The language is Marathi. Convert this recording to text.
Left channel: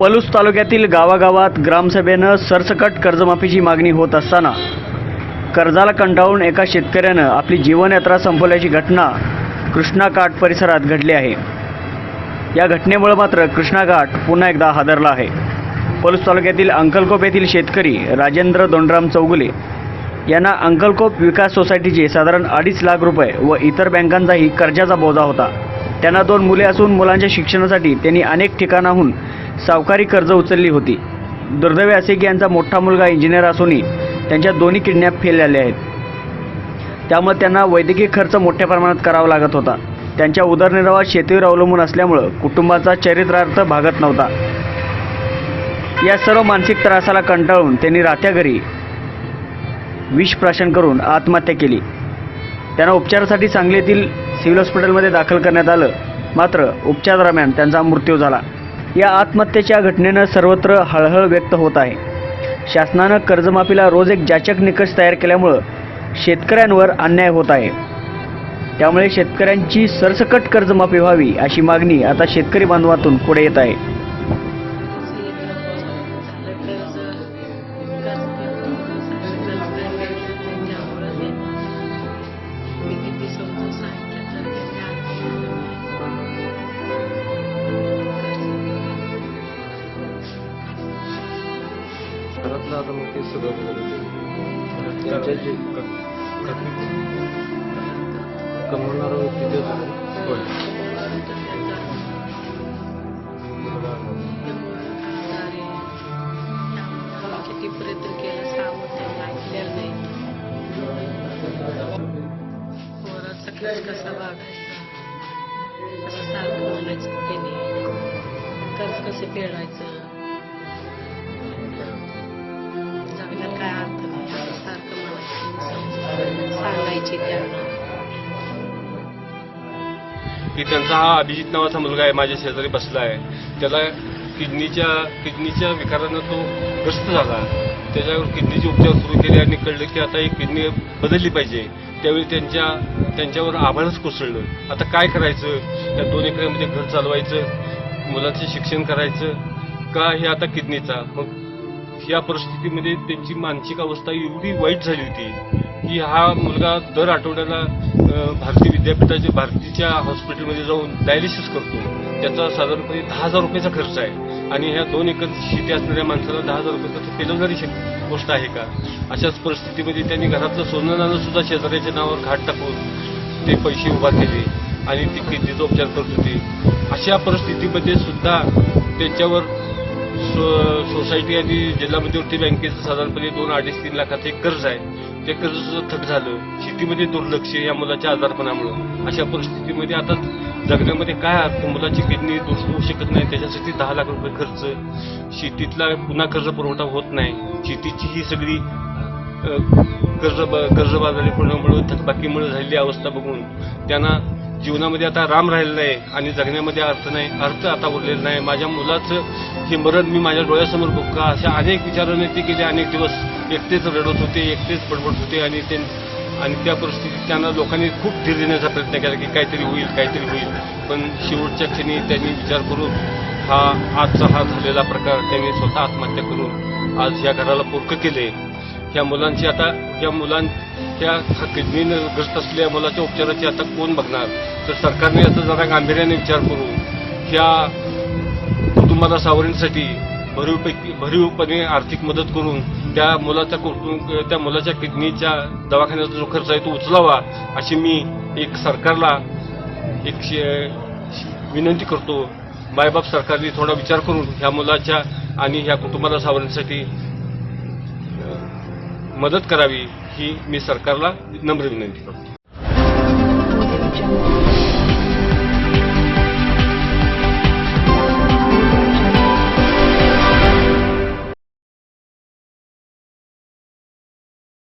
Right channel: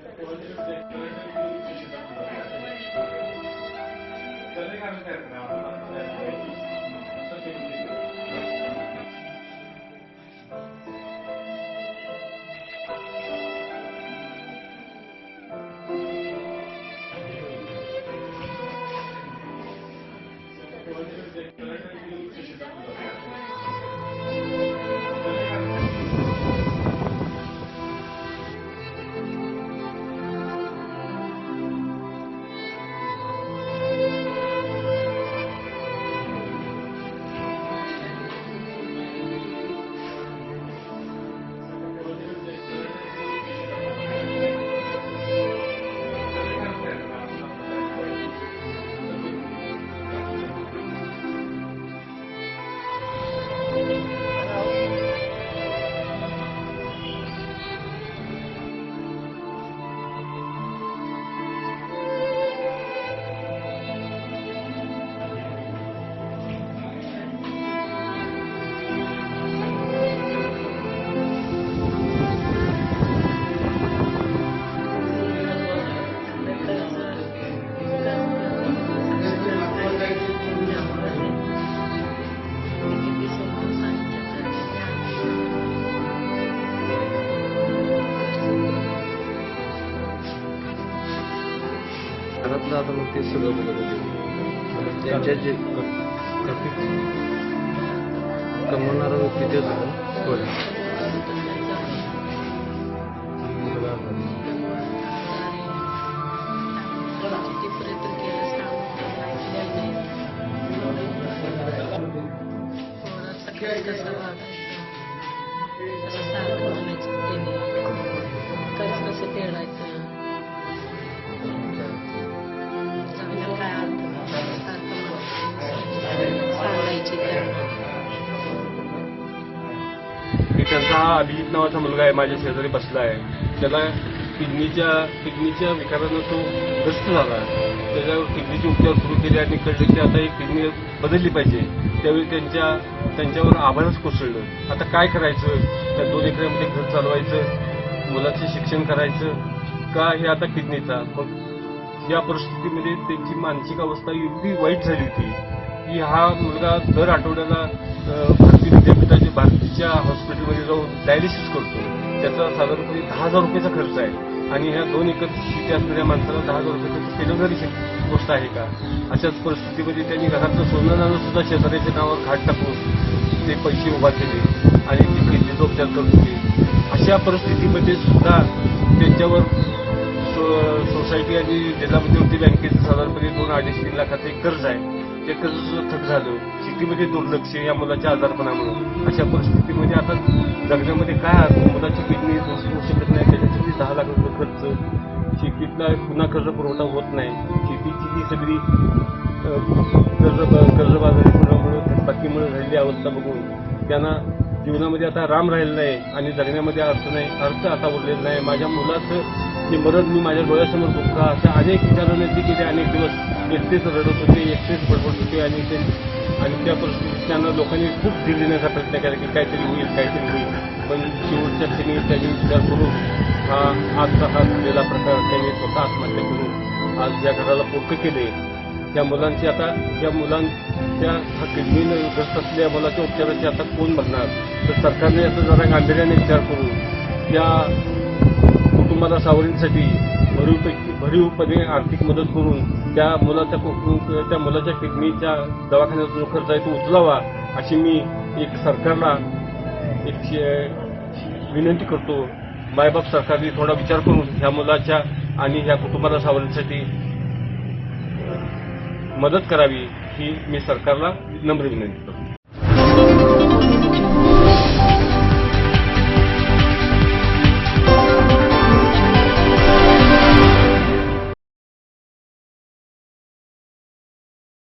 पलूस तालुक्यातील गावागावात ग्रामसभेनं सरसकट कर्जमाफीची मागणी होत असताना कर्जाला कंटाळून एका शेतकऱ्यानं आपली जीवनयात्रा संपवल्याची घटना कृष्णा घाट परिसरात घडली आहे. या घटनेमुळे मात्र कृष्णा घाट पुन्हा एकदा हादरला आहे. पलूस तालुक्यातील अंकलकोप येथील शेतकरी राजेंद्र दोंडराम चौगुले यांना अंकलकोप विकास सोसायटीचे साधारण अडीच लाख रुपये व इतर बँकांचाही कर्जाचा बोजा होता. त्यांना दोन मुले असून मुलांच्या शिक्षणासाठी त्यांनी अनेक ठिकाणाहून सावकारी कर्ज उचलली होती. दुर्दैवी असे की यांचा मोठा मुलगा इंजिनियर असूनही त्यांच्या दोन्ही किडनॅप फेल झाले आहेत. त्यामुळे त्यांना वैद्यकीय खर्च मोठ्या प्रमाणात करावा लागत होता. त्यांच्या उदरनिर्वाह शेतीवर अवलंबून असल्यामुळं कुटुंबाचा चरित्रार्थ भागत नव्हता. या सर्व मानसिक त्रासाला कंटाळून त्यांनी राहत्या घरी विष प्राशन करून आत्महत्या केली. त्यांना उपचारासाठी सांगलीतील सिव्हिल हॉस्पिटलमध्ये दाखल करण्यात आलं. मात्र उपचारादरम्यान त्यांचा मृत्यू झाला. या आत्महत्येच्या घटनेनं सर्वत्र हळहळ व्यक्त होत आहे. शासनानं कर्जमाफीला रोज एक जाचक निकष तयार केल्यामुळं शेतकऱ्यांवर अन्याय होत आहे. त्यामुळे शेतकऱ्यांची सरसकट कर्जमाफी व्हावी अशी मागणी आता शेतकरी बांधवातून पुढे येत आहे. घरातलं आता मग ते सगळं बघत होते. त्यांच्या जे कमवणारा व्यक्ती तेच होता. कसा वागायचा कसं सारखं कसं फेडायचं त्यांना की त्यांचा हा अभिजित नावाचा मुलगा आहे माझ्या शेजारी बसला आहे. त्याला किडनीच्या किडनीच्या विकारानं तो ग्रस्त झाला त्याच्यावर किडनीचे उपचार सुरू केले आणि कळलं की आता ही किडनी बदलली पाहिजे. त्यावेळी त्यांच्या त्यांच्यावर आभाळच कोसळलं. आता काय करायचं? त्या दोन एकरामध्ये घर चालवायचं मुलाचं शिक्षण करायचं का हे आता किडनीचा? मग या परिस्थितीमध्ये त्यांची मानसिक अवस्था एवढी वाईट झाली होती. की हा मुलगा दर आठवड्याला भारती भारतीय विद्यापीठाच्या भारतीच्या हॉस्पिटलमध्ये जाऊन डायलिसिस करतो. त्याचा साधारणपणे दहा हजार रुपयाचा खर्च आहे. आणि ह्या दोन एकर शेती असणाऱ्या माणसाला दहा हजार रुपये केलं जरी गोष्ट आहे का? अशाच परिस्थितीमध्ये त्यांनी घरातलं सोनं सुद्धा शेजाऱ्याच्या नावावर घाट टाकून ते पैसे उभा केले आणि ते किडनीचा उपचार करत होते. अशा परिस्थितीमध्ये सुद्धा त्यांच्यावर सोसायटी आणि जिल्हा मध्यवर्ती बँकेचं साधारणपणे दोन अडीच तीन लाखाचं एक कर्ज आहे. ते कर्ज थट झालं. शेतीमध्ये दुर्लक्ष या मुलाच्या आजारपणामुळे. अशा परिस्थितीमध्ये आता जगण्यामध्ये काय अर्थ? मुलाची किडनी होऊ शकत नाही. त्याच्यासाठी दहा लाख रुपये खर्च. शेतीतला पुन्हा कर्ज पुरवठा होत नाही. शेतीची ही सगळी अ, कर्ज कर्जबाजारीपणामुळे थकबाकीमुळे झालेली अवस्था बघून त्यांना जीवनामध्ये आता राम राहिलेला आहे आणि जगण्यामध्ये अर्थ नाही अर्थ आता उरलेला नाही. माझ्या मुलाचं हे मरण मी माझ्या डोळ्यासमोर बघू अशा अनेक विचारांनी ते गेले अनेक दिवस एकटेच रडत होते एकटेच बडबडत होते आणि ते आणि त्या परिस्थितीत त्यांना लोकांनी खूप धीर देण्याचा प्रयत्न केला की काहीतरी होईल काहीतरी होईल. पण शेवटच्या क्षणी त्यांनी विचार करून हा आजचा हा झालेला प्रकार त्यांनी स्वतः आत्महत्या करून आज या घराला पोरकं केले त्या मुलांची आता त्या मुलांच्या हा किडनीनं ग्रस्त असलेल्या मुलाच्या उपचाराची आता कोण बघणार? तर सरकारने याचा जरा गांभीर्याने विचार करून त्या कुटुंबाला सावरण्यासाठी भरीवपैकी भरीवपणे आर्थिक मदत करून त्या मुलाच्या कुटुंब त्या मुलाच्या किडनीच्या दवाखान्याचा जो खर्च आहे तो उचलावा अशी मी एक सरकारला एक विनंती करतो. मायबाप सरकारने थोडा विचार करून ह्या मुलाच्या आणि ह्या कुटुंबाला सावरण्यासाठी मदत करावी ही मी सरकारला नम्र विनंती करतो.